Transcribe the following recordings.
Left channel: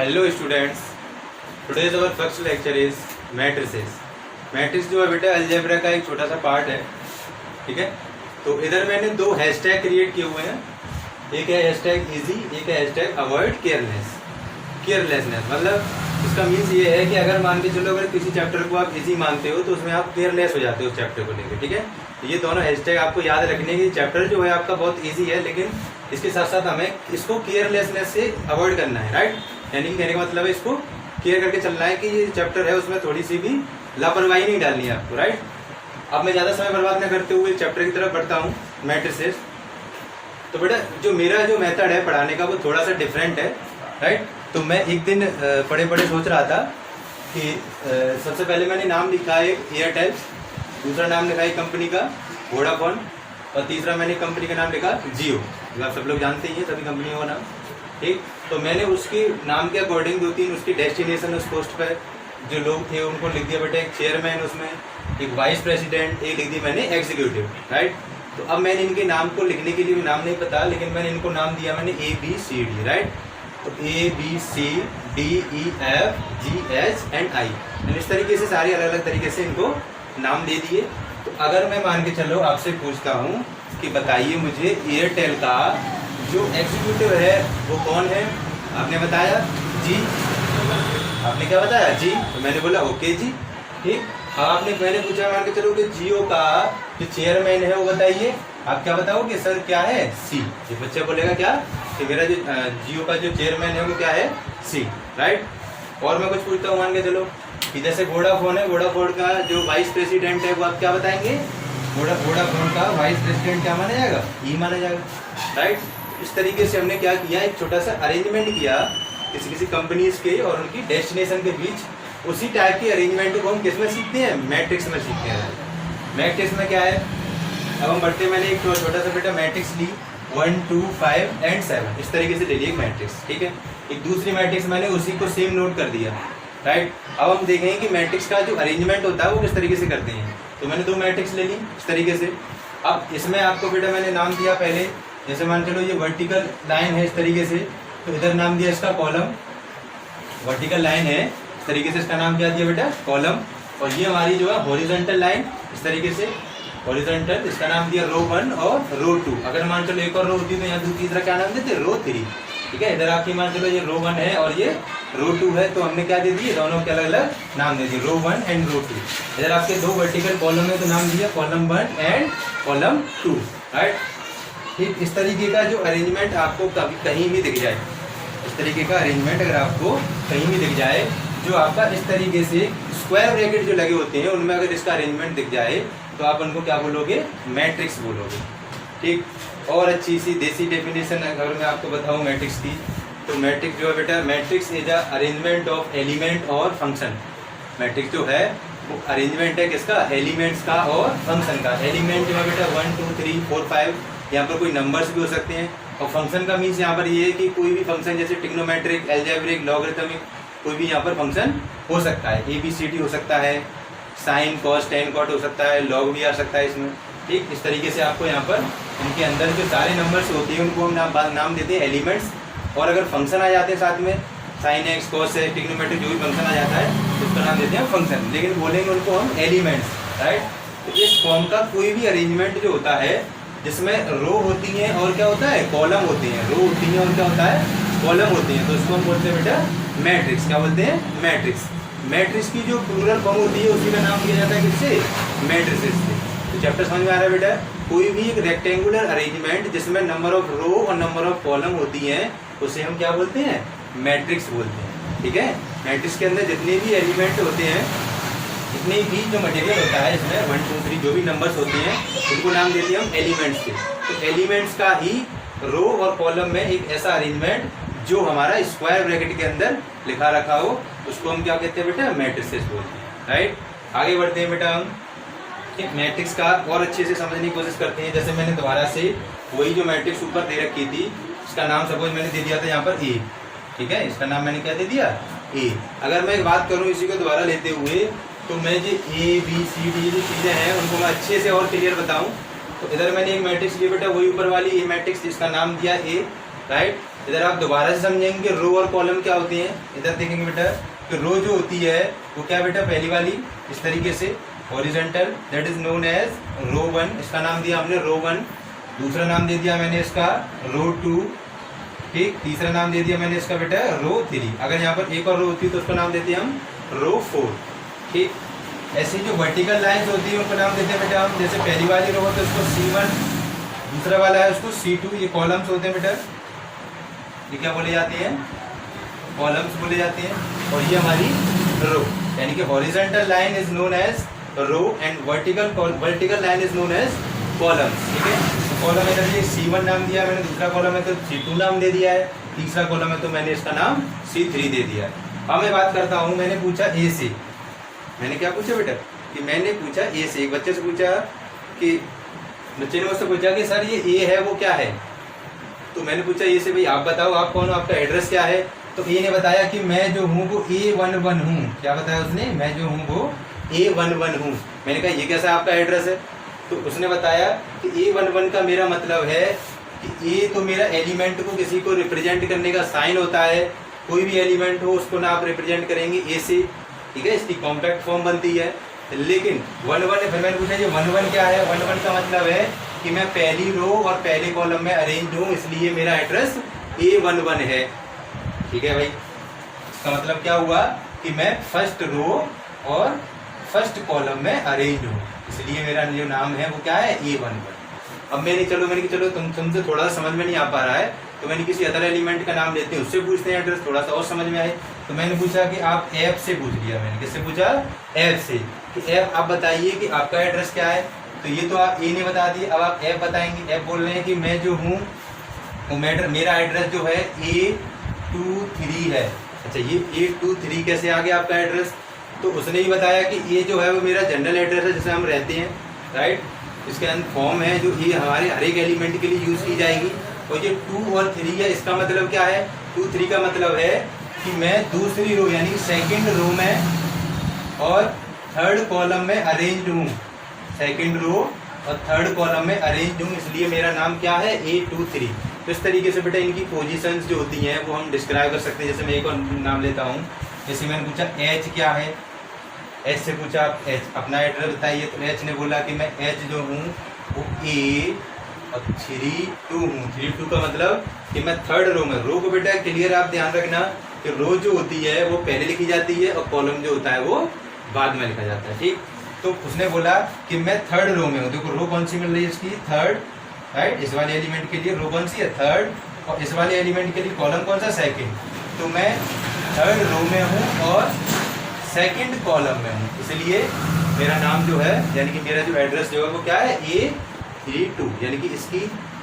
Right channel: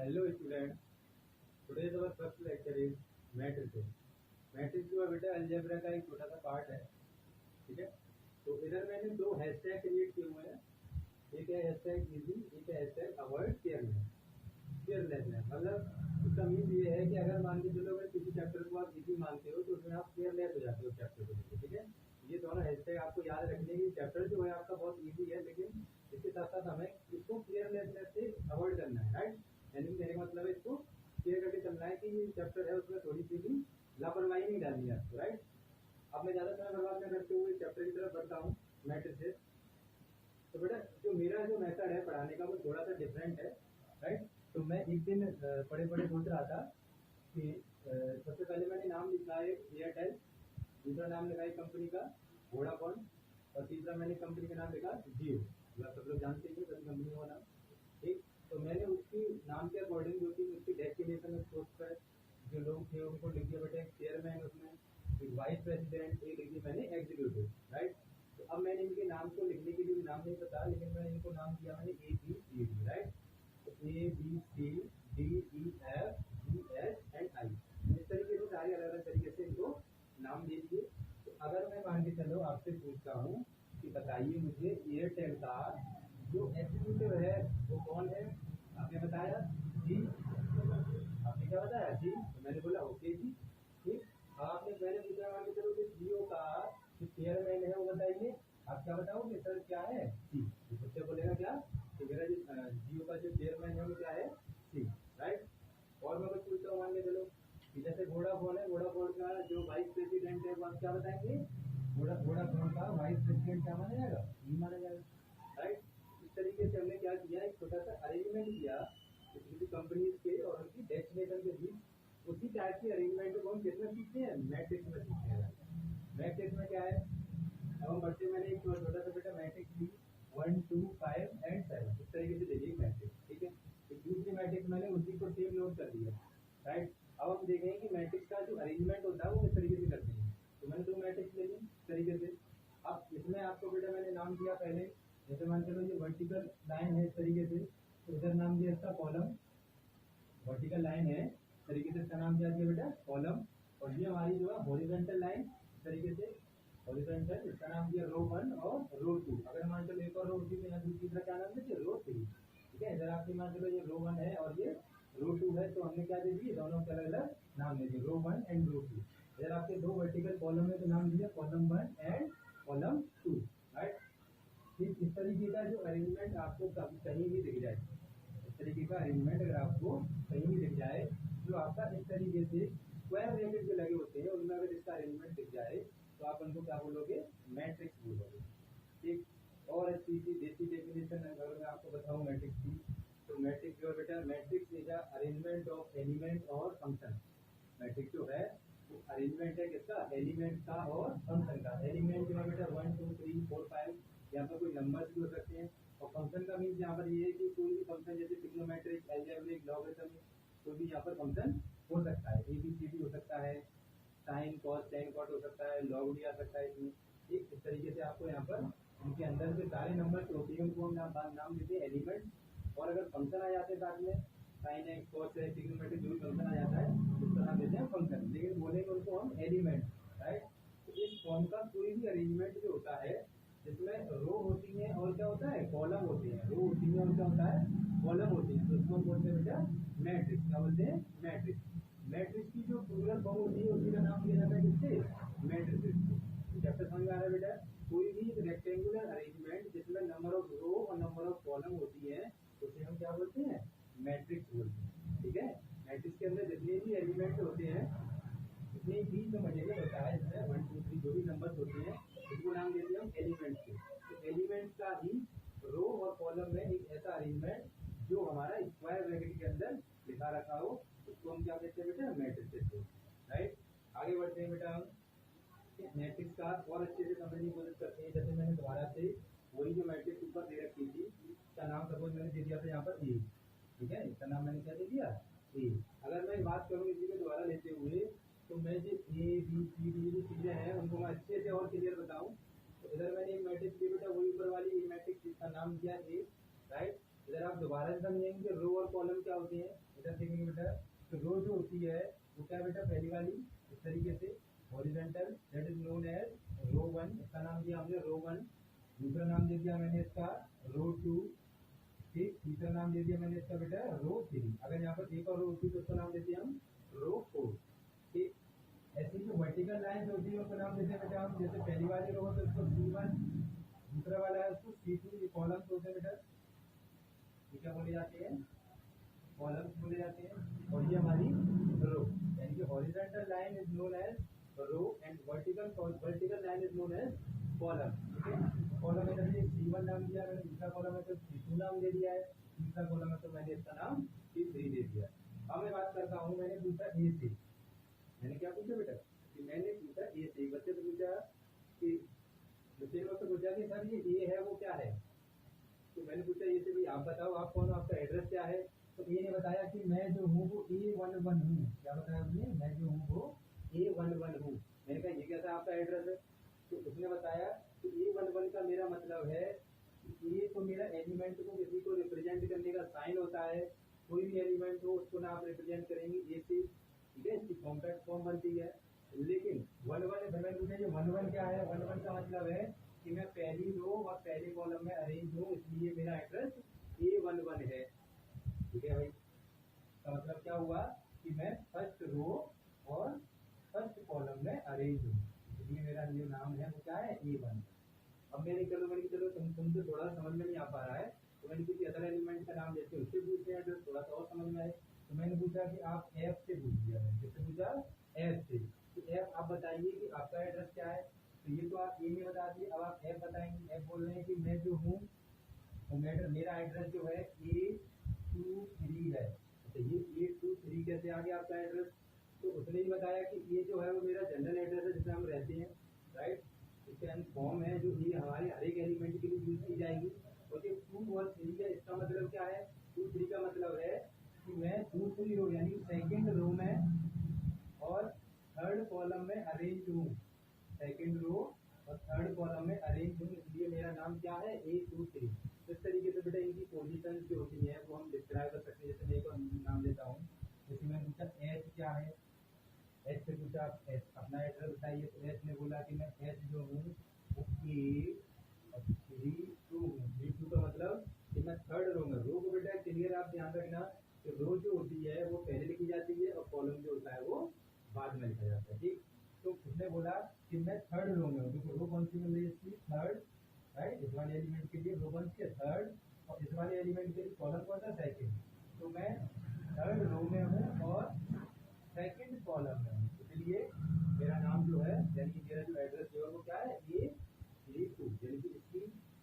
Hello students, today's our first lecture is matrices. Matrix जो है बेटा अलजेब्रा का एक छोटा सा पार्ट है, ठीक है। तो इधर मैंने दो हैशटैग क्रिएट किए हुए हैं, एक है हैशटैग इजी, एक है हैशटैग अवॉइड केयरलेसनेस। मतलब इसका मीन्स ये है कि अगर मान के चलो अगर किसी चैप्टर को आप इजी मानते हो तो उसमें आप केयरलेस हो जाते हो उस चैप्टर को लेकर, ठीक है। तो ये दोनों हैशटैग आपको याद रखने की, चैप्टर जो है आपका बहुत इजी है लेकिन इसके साथ साथ हमें इसको केयरलेसनेस से अवॉइड करना है, राइट। यानी कि कहने का मतलब है इसको केयर करके चलना है कि ये चैप्टर है उसमें थोड़ी सी भी लापरवाही नहीं डालनी है आपको, राइट। अब मैं ज़्यादा समय बर्बाद न करते हुए चैप्टर की तरफ बढ़ता हूँ, मैट्रिसेस। तो बेटा जो मेरा जो मेथड है पढ़ाने का वो थोड़ा सा डिफरेंट है, राइट। तो मैं एक दिन पढ़े पढ़े सोच रहा था कि सबसे पहले मैंने नाम लिखा है एयरटेल, दूसरा नाम लिखा है कंपनी का वोडाफोन, और तीसरा मैंने कंपनी का नाम लिखा जियो। आप सब लोग जानते ही हैं सभी कंपनियों का नाम, ठीक। तो मैंने उसके नाम के अकॉर्डिंग दो तीन उसकी डेस्टिनेशन उस पोस्ट पर जो लोग थे उनको लिख दिया बेटा, एक चेयरमैन, उसमें एक वाइस प्रेसिडेंट, एक लिख दी मैंने एग्जीक्यूटिव, राइट। तो अब मैंने इनके नाम को लिखने के लिए भी नाम नहीं पता, लेकिन मैंने इनको नाम दिया मैंने ABCD, राइट। तो ABCDEFGHI, इस तरीके से सारे अलग अलग तरीके से इनको नाम दे दिए। तो अगर मैं मान के चलो आपसे पूछता हूँ कि बताइए मुझे एयरटेल का जो एग्जीक्यूटिव है वो कौन है, आपने बताया जी, आपने क्या बताया जी, तो मैंने बोला ओके जी, ठीक। आपने मैंने पूछा मान के चलो कि जियो का जो चेयरमैन है वो बताइए, आप क्या बताओगे सर क्या है सी। ये बच्चा बोलेगा क्या कि मेरा जो जियो का जो चेयरमैन है वो क्या है सी, राइट। और मैं कुछ पूछता हूँ मान के चलो कि जैसे वोडाफोन है, वोडाफोन का जो वाइस प्रेसिडेंट है वो आप क्या बताएंगे, वोडाफोन का वाइस प्रेसिडेंट क्या माना जाएगा, ई माना जाएगा, राइट। इस तरीके से हमने क्या किया, एक छोटा सा अरेंजमेंट किया किसी किसी कंपनीज के और उनकी डेस्टिनेशन के बीच। उसी टाइप के अरेंजमेंट को हम किस में सीखते हैं, मैट्रिक्स में सीखते हैं। मैट्रिक्स में क्या है, अब हम बढ़ते, मैंने एक छोटा सा बेटा मैट्रिक्स ली 1 2 5 and 7, इस तरीके से ले ली एक मैट्रिक्स, ठीक है। एक दूसरी मैट्रिक्स मैंने उसी को सेम नोट कर दिया, राइट। अब हम देखेंगे कि मैट्रिक्स का जो अरेंजमेंट होता है वो किस तरीके से करते हैं। तो मैंने दो मैट्रिक्स ले ली इस तरीके से। अब इसमें आपको बेटा मैंने नाम दिया पहले, जैसे मान चलो ये वर्टिकल लाइन है इस तरीके से, तो इधर नाम दिया इसका कॉलम, वर्टिकल लाइन है इस तरीके से, इसका नाम क्या दिया बेटा कॉलम। और ये हमारी जो है हॉरिजॉन्टल लाइन इस तरीके से, हॉरिजॉन्टल, इसका नाम दिया रो 1 और रो 2। अगर मान चलो एक और रो होती तो यहाँ तीसरा क्या नाम देते, रो 3, ठीक है। इधर आपकी मान चलो ये रो 1 है और ये रो 2 है, तो हमने क्या दे दिए, दोनों के अलग अलग नाम दे दिए, रो 1 एंड रो 2। इधर आपके दो वर्टिकल कॉलम है तो नाम दिया कॉलम 1 एंड कॉलम 2, राइट। ठीक, इस तरीके का जो अरेंजमेंट आपको कभी कहीं भी दिख जाए, इस तरीके का अरेंजमेंट अगर आपको कहीं भी दिख जाए, जो आपका इस तरीके से स्क्वायर ब्रैकेट जो लगे होते हैं उनमें अगर इसका अरेंजमेंट दिख जाए तो आप उनको क्या बोलोगे, मैट्रिक्स बोलोगे, ठीक। और अच्छी सी देसी डेफिनेशन अगर मैं आपको बताऊं मैट्रिक्स की, तो मैट्रिक्स जो है बेटा, matrix is a arrangement of element और फंक्शन। मैट्रिक्स जो है वो अरेंजमेंट है किसका, एलिमेंट्स का और फंक्शन का। एलिमेंट जो है बेटा 1 2 3 4 5, यहाँ पर कोई नंबर्स भी हो सकते हैं। और फंक्शन का मीन्स यहाँ पर ये है कि कोई भी फंक्शन जैसे ट्रिग्नोमेट्रिक, अलजेब्रिक, लॉगरिथमिक, कोई भी यहाँ पर फंक्शन हो सकता है। ABCD हो सकता है, साइन कॉस टेन कॉट हो सकता है, लॉग भी आ सकता है इसमें, ठीक। इस तरीके से आपको यहाँ पर इनके अंदर जो सारे नंबर्स होते हैं उनको हम नाम देते हैं एलिमेंट्स। और अगर फंक्शन आ जाते हैं साथ में, साइन एक्स कॉस है, ट्रिग्नोमेट्रिक जो भी फंक्शन आ जाता है उसका नाम देते हैं फंक्शन, लेकिन बोलेंगे उनको हम एलिमेंट्स, राइट। तो इस फॉर्म का कोई भी अरेंजमेंट जो होता है जिसमें रो होती हैं और क्या होता है, कॉलम होती हैं, रो होती हैं और क्या होता है, कॉलम होती हैं, तो उसको हम बोलते हैं बेटा मैट्रिक्स। क्या बोलते हैं, मैट्रिक्स। मैट्रिक्स की जो प्लूरल फॉर्म होती है उसी का नाम दिया जाता है किससे, मैट्रिसेस से। तो चैप्टर समझ में आ रहा है बेटा, कोई भी एक रेक्टेंगुलर अरेंजमेंट जिसमें नंबर ऑफ रो और नंबर ऑफ कॉलम होती हैं उसे हम क्या बोलते हैं, मैट्रिक्स बोलते हैं, ठीक है। मैट्रिक्स के अंदर जितने भी एलिमेंट होते हैं, जितने भी जो मटेरियल होता है इसमें 1 2 3 जो भी नंबर्स होते हैं उनको नाम देते हैं हम एलिमेंट्स के। तो एलिमेंट्स का ही रो और कॉलम में एक ऐसा अरेंजमेंट जो हमारा स्क्वायर ब्रैकेट के अंदर लिखा रखा हो उसको हम क्या कहते हैं बेटा, मैट्रिसेस बोलते हैं, राइट। आगे बढ़ते हैं बेटा, हम एक मैट्रिक्स का और अच्छे से समझने की कोशिश करते हैं। जैसे मैंने दोबारा से वही जो मैट्रिक्स ऊपर दे रखी थी, इसका नाम सपोज मैंने दे दिया था यहाँ पर A, ठीक है। इसका नाम मैंने क्या दे दिया, A। अगर मैं एक बात करूँ इसी को दोबारा लेते हुए, तो मैं जो ABCD जो चीज़ें हैं उनको मैं अच्छे से और क्लियर बताऊँ, तो इधर मैंने एक मैट्रिक्स ली बेटा, वही ऊपर वाली ये मैट्रिक्स जिसका नाम दिया A, राइट। इधर आप दोबारा से समझेंगे रो और कॉलम क्या होते हैं। इधर देखेंगे बेटा कि रो जो होती है वो क्या बेटा, पहली वाली इस तरीके से horizontal, that is known as row 1, इसका नाम दिया हमने रो 1। दूसरा नाम दे दिया मैंने इसका रो 2, ठीक। तीसरा नाम दे दिया मैंने इसका बेटा रो 3। अगर यहाँ पर एक और रो होती है तो उसका नाम देते हैं हम रो 4, ठीक। ऐसे जो वर्टिकल लाइंस होती है उनको नाम देते हैं बेटा हम, जैसे पहली वाली रो है तो उसको C1, दूसरा वाला है उसको C2, ये कॉलम्स होते हैं बेटा, ये क्या बोले जाते हैं, कॉलम्स बोले जाते हैं। और ये हमारी रो, यानी कि horizontal line is known as row and vertical line is known as columns, ठीक है। तो कॉलम है ये C1 नाम दिया मैंने, दूसरा कॉलम है तो C2 नाम दे दिया है, तीसरा कॉलम है तो मैंने इसका नाम C3 दे दिया है। अब मैं बात करता हूँ, मैंने पूछा ए से, मैंने क्या पूछा बेटा कि मैंने पूछा ए से, एक बच्चे से पूछा कि बच्चे ने मुझसे पूछा कि सर ये ए है वो क्या है, तो मैंने पूछा ए से भाई आप बताओ आप कौन हो, आपका एड्रेस क्या है। तो ए ने बताया कि मैं जो हूँ वो A11 हूँ। क्या बताया उसने, मैं जो हूँ वो A11 हूँ। मैंने कहा ये कैसा आपका एड्रेस है, तो उसने बताया कि A11 का मेरा मतलब है कि ए तो मेरा एलिमेंट को किसी को रिप्रेजेंट करने का साइन होता है, कोई भी एलिमेंट हो उसको ना आप रिप्रेजेंट करेंगे ए से, ठीक है, इसकी कॉम्पैक्ट फॉर्म बनती है। लेकिन 11, फिर मैंने पूछा ये 11 क्या है, 11 का मतलब है कि मैं पहली रो और पहले कॉलम में अरेंज हूँ, इसलिए मेरा एड्रेस A11 है, ठीक है भाई। इसका मतलब क्या हुआ कि मैं फर्स्ट रो और फर्स्ट कॉलम में अरेंज हूँ, इसलिए मेरा जो नाम है वो क्या है A11। अब मैंने चलो तुमसे थोड़ा सा समझ में नहीं आ पा रहा है तो मैंने किसी अदर एलिमेंट का नाम लेते हैं, उससे पूछते हैं एड्रेस, थोड़ा सा और समझ में आए। तो मैंने पूछा कि आप ऐप से पूछ लिया, मैंने किससे पूछा, ऐप से, कि ऐप आप बताइए कि आपका एड्रेस क्या है। तो ये तो आप ए ने बता दिए, अब आप ऐप बताएंगे। ऐप बोल रहे हैं कि मैं जो हूँ मेरा एड्रेस जो है A23 है। अच्छा ये A23 कैसे आ गया आपका एड्रेस, तो उसने ही बताया कि ये जो है वो मेरा जनरल एड्रेस है जिसे हम रहते हैं, राइट। इसके अंदर फॉर्म है जो ये हमारे हर एक एलिमेंट के लिए यूज़ की जाएगी। और ये 2 और 3 है, इसका मतलब क्या है, 2, 3 का मतलब है कि मैं दूसरी रो यानी सेकंड रो में और थर्ड कॉलम में अरेंज हूँ, सेकंड रो और थर्ड कॉलम में अरेंज हूँ, इसलिए मेरा नाम क्या है A23। तो इस तरीके से बेटा इनकी पोजीशंस जो होती हैं वो हम डिस्क्राइब कर सकते हैं। जैसे मैं एक और नाम लेता हूँ, जैसे मैंने पूछा H क्या है, H से पूछा आप H अपना एड्रेस बताइए, तो H ने बोला कि मैं H जो हूँ वो A32 हूँ। 32 का मतलब कि मैं थर्ड रो में, रो को बेटा क्लियर आप ध्यान रखना कि रो जो होती है वो पहले लिखी जाती है और कॉलम जो होता है वो बाद में लिखा जाता है, ठीक। तो उसने बोला कि मैं थर्ड रो में हूँ, देखो रो कौन सी मिल रही है इसकी, थर्ड, राइट। इस वाले एलिमेंट के लिए रो कौन सी है, थर्ड, और इस वाले एलिमेंट के लिए कॉलम कौन सा, सेकंड। तो मैं थर्ड रो में हूँ और सेकंड कॉलम में हूँ, इसलिए मेरा नाम जो है यानी कि मेरा जो एड्रेस जो है वो क्या है A32। यानी कि इसकी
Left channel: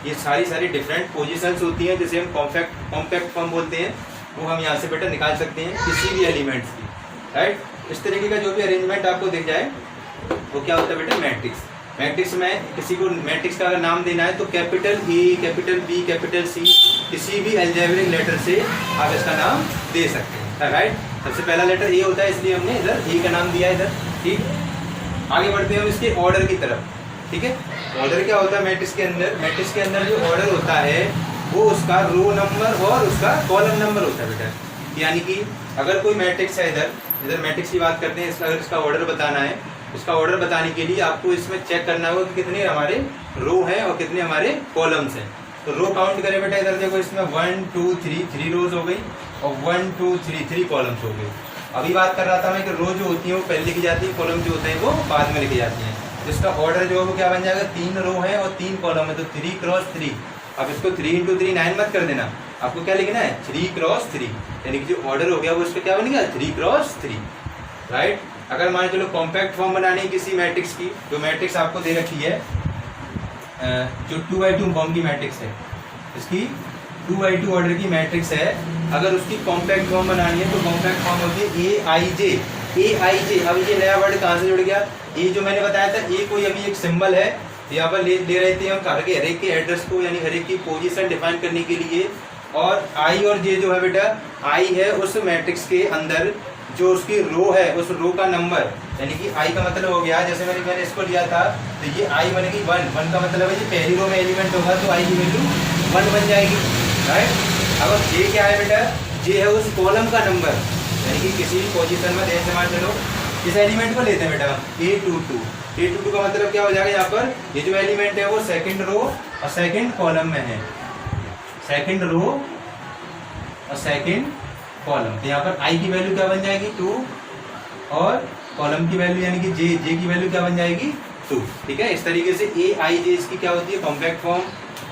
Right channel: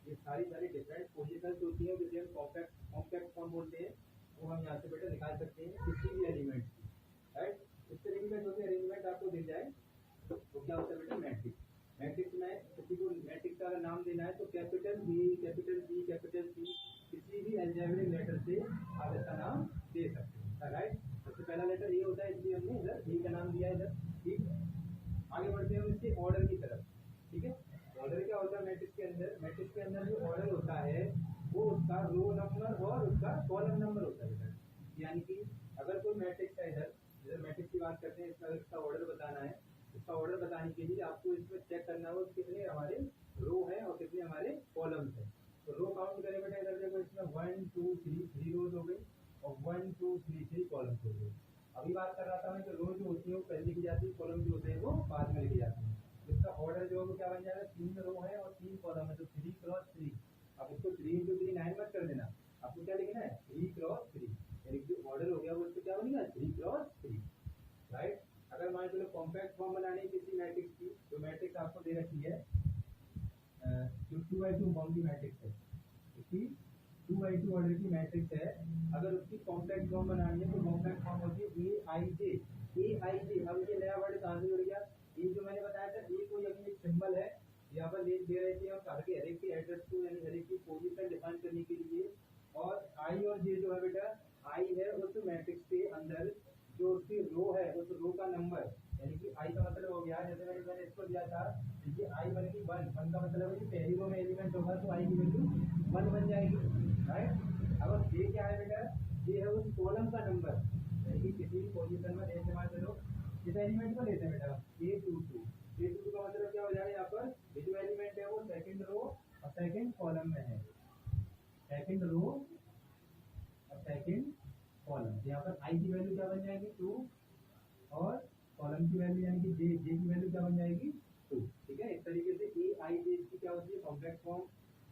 ये सारी डिफरेंट पोजीशंस होती हैं जिसे हम कॉम्पैक्ट फॉर्म बोलते हैं, वो हम यहाँ से बेटा निकाल सकते हैं किसी भी एलिमेंट्स की, राइट। इस तरीके का जो भी अरेंजमेंट आपको दिख जाए वो क्या होता है बेटा मैट्रिक्स। मैट्रिक्स में किसी को मैट्रिक्स का अगर नाम देना है तो capital A, capital B, capital C, किसी भी अलजेब्रिक लेटर से आप इसका नाम दे सकते हैं, राइट। सबसे पहला लेटर A होता है इसलिए हमने इधर A का नाम दिया इधर, ठीक। आगे बढ़ते हैं हम इसके ऑर्डर की तरफ, ठीक है। ऑर्डर क्या होता है मैट्रिक्स के अंदर, मैट्रिक्स के अंदर जो ऑर्डर होता है वो उसका रो नंबर और उसका कॉलम नंबर होता है बेटा। यानी कि अगर कोई मैट्रिक्स है, इधर मैट्रिक्स की बात करते हैं, अगर इसका ऑर्डर बताना है, इसका ऑर्डर बताने के लिए आपको इसमें चेक करना होगा कि कितने हमारे रो हैं और कितने हमारे कॉलम्स हैं। तो रो काउंट करें बेटा, इधर देखो इसमें 1 2 3 रोज हो गई और 1 2 3 कॉलम्स हो गई। अभी बात कर रहा था मैं कि रो जो होती है वो पहले लिखी जाती है, कॉलम जो होते हैं वो बाद में लिखी जाती हैं। तो इसका ऑर्डर जो है वो क्या बन जाएगा, 3 रो है और 3 कॉलम है, तो 3 क्रॉस 3। अब इसको 3 × 3 9 मत कर देना, आपको क्या लिखना है 3 क्रॉस 3, यानी कि जो ऑर्डर हो गया वो इसका क्या बनेगा 3 क्रॉस 3, राइट। अगर मान चलो कॉम्पैक्ट फॉर्म बनानी है किसी मैट्रिक्स की, जो मैट्रिक्स आपको दे रखी है जो 2x2 फॉर्म की मैट्रिक्स है, इसकी 2x2 ऑर्डर की मैट्रिक्स है, अगर उसकी कॉम्पैक्ट फॉर्म बनानी है तो कॉम्पैक्ट फॉर्म होती है AIJ। अब ये नया वर्ड कहाँ से जुड़ गया, ये जो मैंने बताया था ए कोई अभी एक सिंबल है, यहाँ पर ले रहे थे हम हर एक के एड्रेस को, यानी हर एक की पोजीशन डिफाइन करने के लिए। और आई और जे जो है बेटा, आई है उस मैट्रिक्स के अंदर जो उसकी रो है उस रो का नंबर, यानी कि आई का मतलब हो गया, जैसे मैंने इसको लिया था तो ये आई बनेगी 1 का मतलब है ये पहली रो में एलिमेंट होगा तो आई की वैल्यू 1 बन जाएगी, राइट। अब जे क्या है बेटा, जे है उस कॉलम का नंबर, यानी कि किसी भी पोजीशन में जैसे मान चलो इस एलिमेंट को लेते हैं बेटा A22। A22 का मतलब क्या हो जाएगा, यहाँ पर ये जो एलिमेंट है वो सेकंड रो और सेकंड कॉलम में है, सेकंड रो और सेकंड कॉलम। तो यहाँ पर आई की वैल्यू क्या बन जाएगी 2 और कॉलम की वैल्यू यानी कि जे की वैल्यू क्या बन जाएगी 2। ठीक है, इस तरीके से ए आई जे इसकी क्या होती है कॉम्पैक्ट फॉर्म।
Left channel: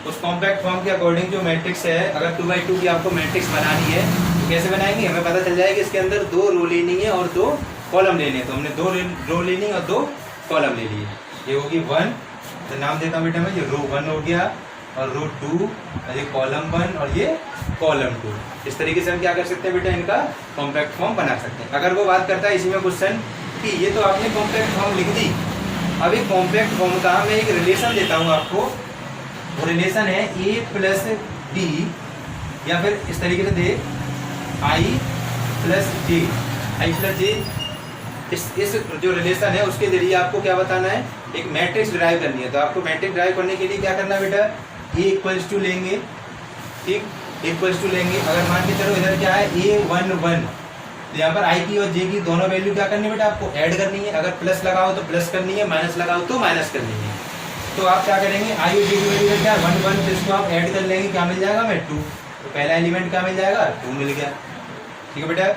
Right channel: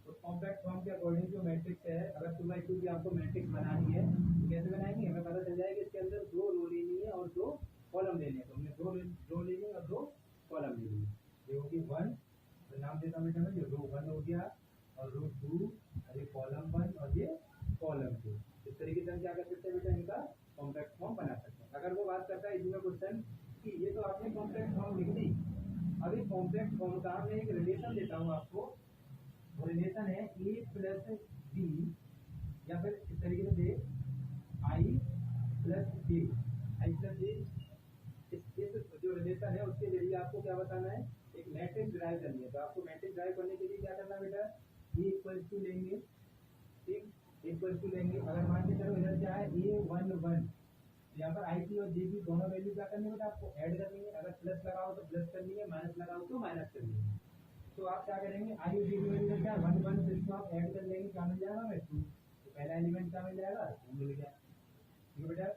उस कॉम्पैक्ट फॉर्म के अकॉर्डिंग जो मैट्रिक्स है, अगर 2x2 की आपको मैट्रिक्स बनानी है तो कैसे बनाएंगे, हमें पता चल जाएगा कि इसके अंदर 2 रो लेनी है और 2 कॉलम लेने हैं। तो हमने 2 रो लेनी और 2 कॉलम ले लिए। ये होगी 1, तो नाम देता हूँ बेटा मैं, ये रो 1 हो गया और रो 2, ये कॉलम 1 और ये कॉलम 2। इस तरीके से हम क्या कर सकते हैं बेटा, इनका कॉम्पैक्ट फॉर्म बना सकते हैं। अगर वो बात करता है इसी में क्वेश्चन कि ये तो आपने कॉम्पैक्ट फॉर्म लिख दी, अब एक कॉम्पैक्ट फॉर्म का मैं एक रिलेशन देता हूँ आपको। वो रिलेशन है a प्लस डी, या फिर इस तरीके से दे i plus j, i plus j. इस जो रिलेशन है उसके जरिए आपको क्या बताना है, एक मैट्रिक्स ड्राइव करनी है। तो आपको मैट्रिक्स ड्राइव करने के लिए क्या करना है बेटा, a इक्वल्स टू लेंगे, ठीक, इक्वल्स टू लेंगे। अगर मान के चलो इधर क्या है a11, तो यहाँ पर आई की और जे की दोनों वैल्यू क्या करनी है बेटा, आपको ऐड करनी है। अगर प्लस लगाओ तो प्लस करनी है, माइनस लगाओ तो माइनस करनी है। तो आप क्या करेंगे, आई और जे की वैल्यू क्या है 1 1, तो इसको आप ऐड कर लेंगे, क्या मिल जाएगा हमें 2। तो पहला एलिमेंट क्या मिल जाएगा 2 मिल गया। ठीक है बेटा,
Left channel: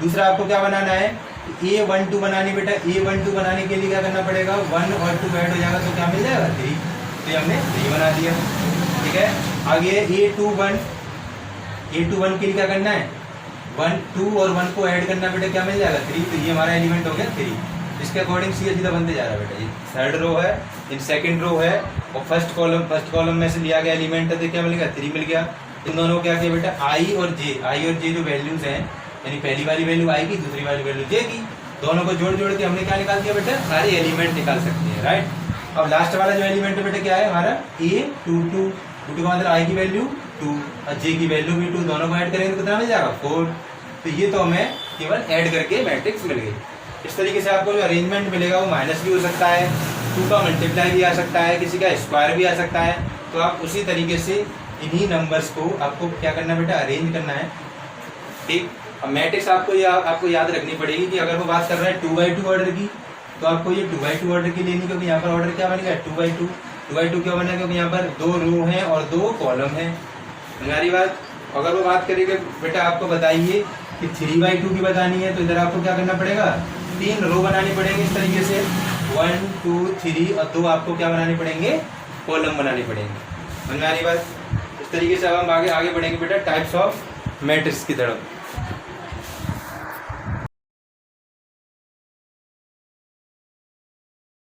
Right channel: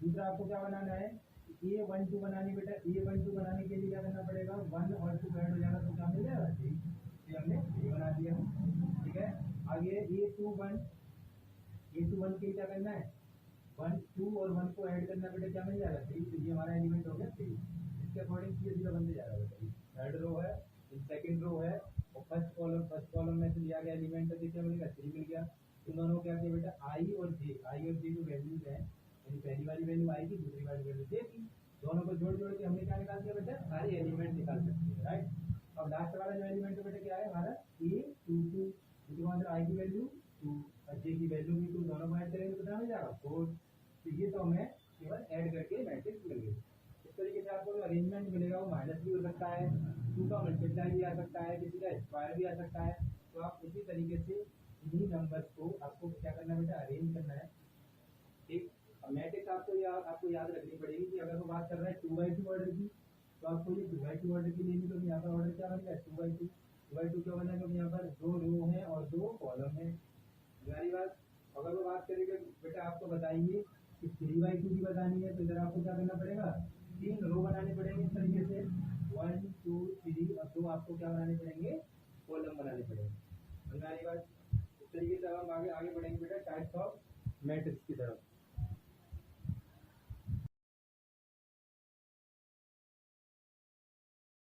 दूसरा आपको क्या बनाना है, A12 बनानी बेटा। A12 बनाने के लिए क्या करना पड़ेगा, 1 और 2 ऐड हो जाएगा तो क्या मिल जाएगा 3। तो हमने 3 बना दिया। ठीक है, आगे A21, A21 के लिए क्या करना है 1 2 और 1 को ऐड करना बेटा, क्या मिल जाएगा 3। तो ये हमारा एलिमेंट हो गया 3। इसके अकॉर्डिंग सीधा सीधा बनते जा रहा है बेटा। ये थर्ड रो है, इन सेकंड रो है और फर्स्ट कॉलम में से लिया गया एलिमेंट है, तो क्या मिल गया 3 मिल गया। इन दोनों को क्या किया बेटा, आई और जे जो वैल्यूज हैं, यानी पहली वाली वैल्यू आई की, दूसरी वाली वैल्यू जे की, दोनों को जोड़ जोड़ के हमने क्या निकाल दिया बेटा, सारे एलिमेंट निकाल सकते हैं। राइट। अब लास्ट वाला जो एलिमेंट है बेटा क्या है हमारा A22, का मतलब आई की वैल्यू 2 और जे की वैल्यू भी 2, दोनों को ऐड करेंगे तो कितना मिल जाएगा 4। तो ये तो हमें केवल ऐड करके मैट्रिक्स मिल गई। इस तरीके से आपको जो अरेंजमेंट मिलेगा वो माइनस भी हो सकता है, 2 का मल्टीप्लाई भी आ सकता है, किसी का स्क्वायर भी आ सकता है। तो आप उसी तरीके से इन्हीं नंबर्स को आपको क्या करना बेटा, अरेंज करना है। ठीक, अब मैट्रिक्स आपको याद रखनी पड़ेगी कि अगर वो बात कर रहा है 2x2 ऑर्डर की, तो आपको ये 2x2 ऑर्डर की लेनी, क्योंकि यहाँ पर ऑर्डर क्या बनेगा 2x2। 2x2 क्यों बनेगा, क्योंकि यहाँ पर 2 रो हैं और 2 कॉलम हैं। हमारी बात, अगर वो बात करेंगे बेटा आपको बताइए कि 3x2 की बतानी है, तो इधर आपको क्या करना पड़ेगा, 3 रो बनानी पड़ेंगे इस तरीके से 1 2 3 और 2 आपको क्या बनानी पड़ेंगे, कॉलम बनानी पड़ेंगे। हमारी बात, इस तरीके से अब हम आगे बढ़ेंगे बेटा टाइप्स ऑफ मैट्रिक्स की तरफ।